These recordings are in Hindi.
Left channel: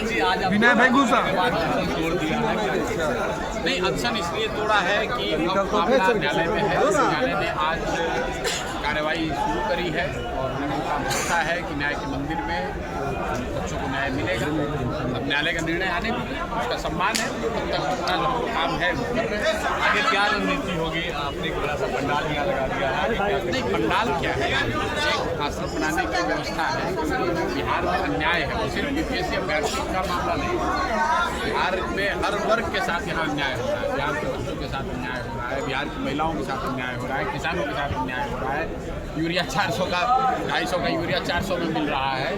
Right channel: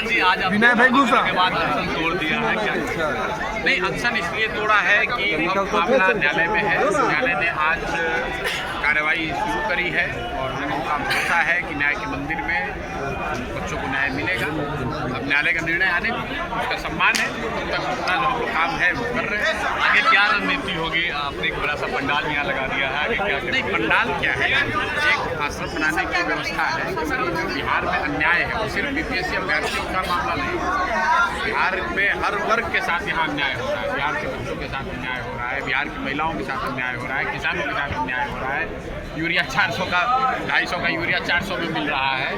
प्रधान जी, आज आपने के बाद अनशन तोड़ दिया है क्या? नहीं, अनशन इसलिए तोड़ा है कि अब मामला न्यायालय में है। न्यायालय ने आज कार्रवाई शुरू करी है और हम लोगों का भरोसा है कि न्याय के मंदिर में बच्चों को न्याय मिलेगा। अब न्यायालय का निर्णय आने में उसका सम्मान है, तब तक अपना जो काम है वो कर रहे हैं। आगे क्या रणनीति होगी? आपने एक बड़ा सा पंडाल यहाँ लगा दिया है, आगे क्या? नहीं, पंडाल क्या है, एक आश्रम बनाने की व्यवस्था है। बिहार में अन्याय है, वो सिर्फ बीपीएससी अभ्यर्थियों का मामला नहीं है। बिहार में हर वर्ग के साथ यहाँ अन्याय हो रहा है। बिहार के बच्चों के साथ अन्याय हो रहा है, बिहार की महिलाओं के साथ अन्याय हो रहा है, किसानों के साथ अन्याय हो रहा है। यूरिया 400 का 250 का यूरिया 400 में मिल रहा है।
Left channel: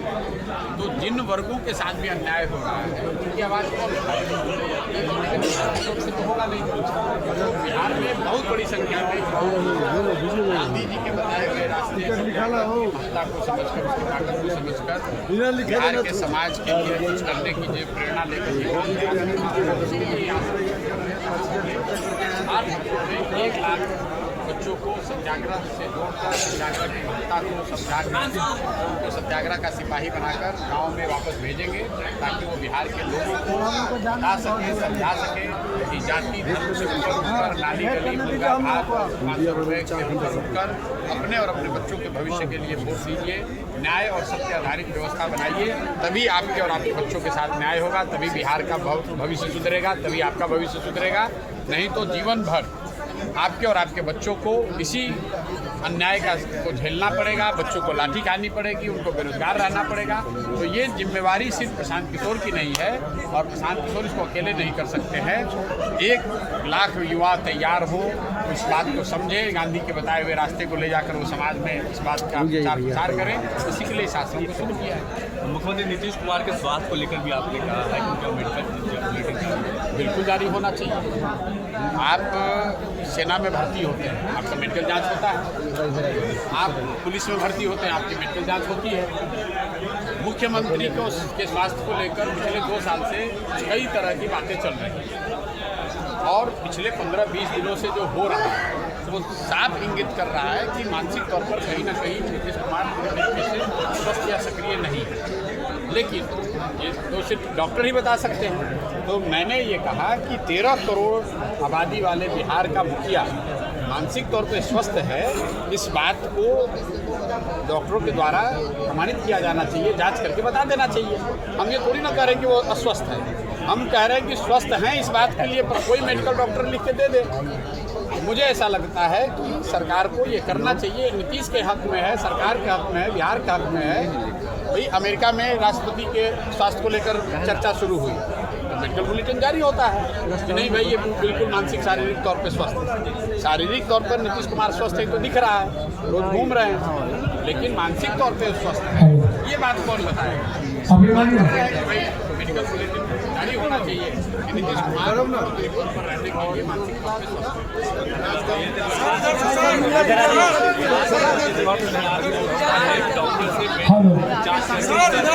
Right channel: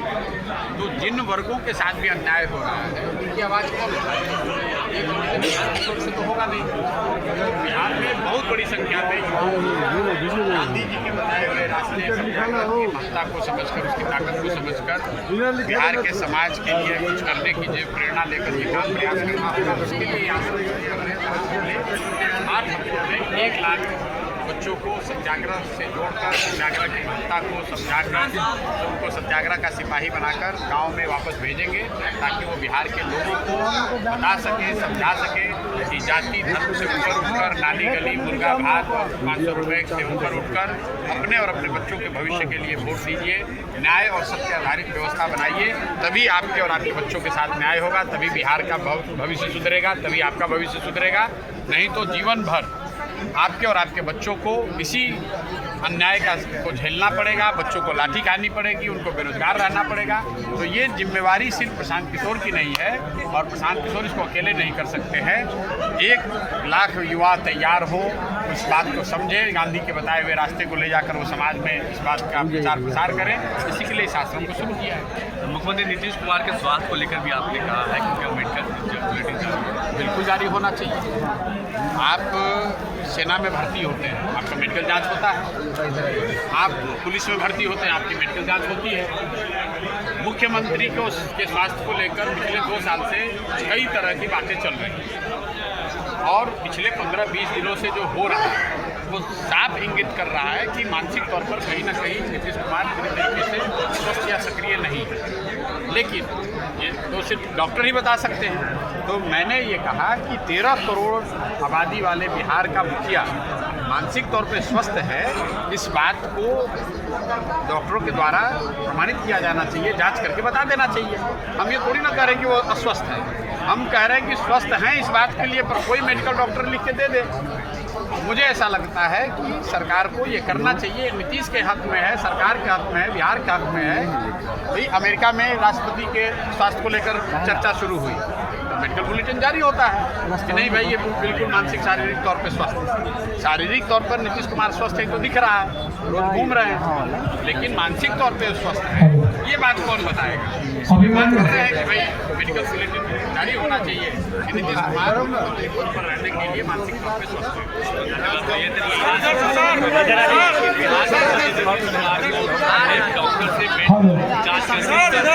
तो जिन वर्गों के साथ भी अन्याय हो रहा है उनकी आवाज़ कौन उठाएगा? से तो होगा नहीं। बिहार में बहुत बड़ी संख्या में गांधी जी के बताए हुए रास्ते महत्ता को समझकर, उसकी ताकत को समझकर बिहार के समाज के लिए कुछ करने की जो प्रेरणा लेकर के काम प्रयास करना होगा। इसके लिए 1 लाख बच्चों को सत्याग्रह से जोड़कर सत्याग्रह की महत्ता को समझाकर उनको सत्याग्रह का सिपाही बनाकर गांव में वापस भेजेंगे, ताकि वो बिहार के लोगों को बता सके, समझा सके कि जाति धर्म से ऊपर उठकर, नाली गली मुर्गा भात 500 रुपये से ऊपर उठकर अपने और अपने बच्चों के भविष्य के लिए वोट दीजिए, न्याय और सत्य आधारित व्यवस्था बनाइए। तभी आपके और आपके बच्चों के साथ न्याय होगा, तभी बिहार का भविष्य सुधरेगा, तभी आपका भविष्य सुधरेगा। नहीं तो जीवन भर आपके और आपके बच्चों को इसी अन्याय को झेलना पड़ेगा, बच्चों को लाठी खानी पड़ेगी, उनको बेरोजगार रहना पड़ेगा। तो ये जिम्मेवारी सिर्फ प्रशांत किशोर की नहीं है और प्रशांत किशोर इसको अकेले नहीं कर सकते हैं। 1 लाख युवा तैयार हो, उस बात को समझे, गांधी के बताए हुए रास्ते को ले जाकर वो समाज में इस बात का प्रचार करें। इसी के लिए इस आश्रम को शुरू किया है। मुख्यमंत्री नीतीश कुमार के स्वास्थ्य को लेकर भी आपने कहा है कि उनका मेडिकल बुलेटिन बिल्कुल जारी होना चाहिए। आप सेना में भर्ती होते हैं, आपका मेडिकल जांच होता है। आप पुलिस में भर्ती होते हैं, आपकी मेडिकल जांच होती है। मुख्यमंत्री को के स्वास्थ्य को लेकर पिछले 2 साल से कई तरह की बातें चल रही हैं और पिछले 15-20 दिनों से जो हो रहा है वो साफ इंगित कर रहा है कि मानसिक तौर पर कहीं ना कहीं नीतीश कुमार पूरी तरीके से स्वस्थ या सक्रिय नहीं है। लेकिन ये तो सिर्फ डॉक्टर ही बता सकते हैं। तो मैंने ये कहा कि 13 करोड़ आबादी वाले बिहार का मुखिया मानसिक तौर पे स्वस्थ है, इस बात को डॉक्टरों के द्वारा प्रमाणित किया जाना चाहिए, जांच करके बता देना चाहिए। हम ये थोड़ी ना कह रहे हैं कि वो अस्वस्थ है, हम कह रहे हैं कि स्वस्थ हैं इस बात के लिए पर कोई मेडिकल डॉक्टर लिख के दे दे। मुझे ऐसा लगता है कि सरकार को ये करना चाहिए। नीतीश के हक में है, सरकार के हक में है, बिहार के हक में है। भाई अमेरिका में राष्ट्रपति के स्वास्थ्य को लेकर चर्चा शुरू हुई तो मेडिकल बुलेटिन जारी होता है कि नहीं भाई ये बिल्कुल मानसिक शारीरिक तौर पर स्वस्थ है। शारीरिक तौर पर नीतीश कुमार स्वस्थ है तो दिख रहा है, रोज घूम रहे हैं, लेकिन मानसिक तौर पर स्वस्थ है ये बात कौन बताएगा? बात कर रहे हैं कि भाई मेडिकल बुलेटिन जारी होना चाहिए कि नीतीश कुमार पद पर रहने के लिए मानसिक तौर पर स्वस्थ है।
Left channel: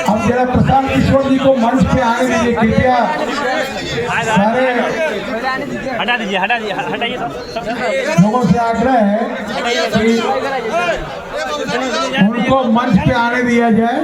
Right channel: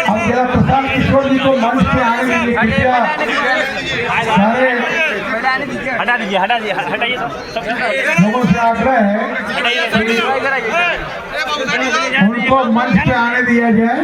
अब जरा प्रशांत किशोर जी को मंच पे आने दीजिए। हटाइए लोगों से आग्रह है उनको मंच पे आने दिया जाए।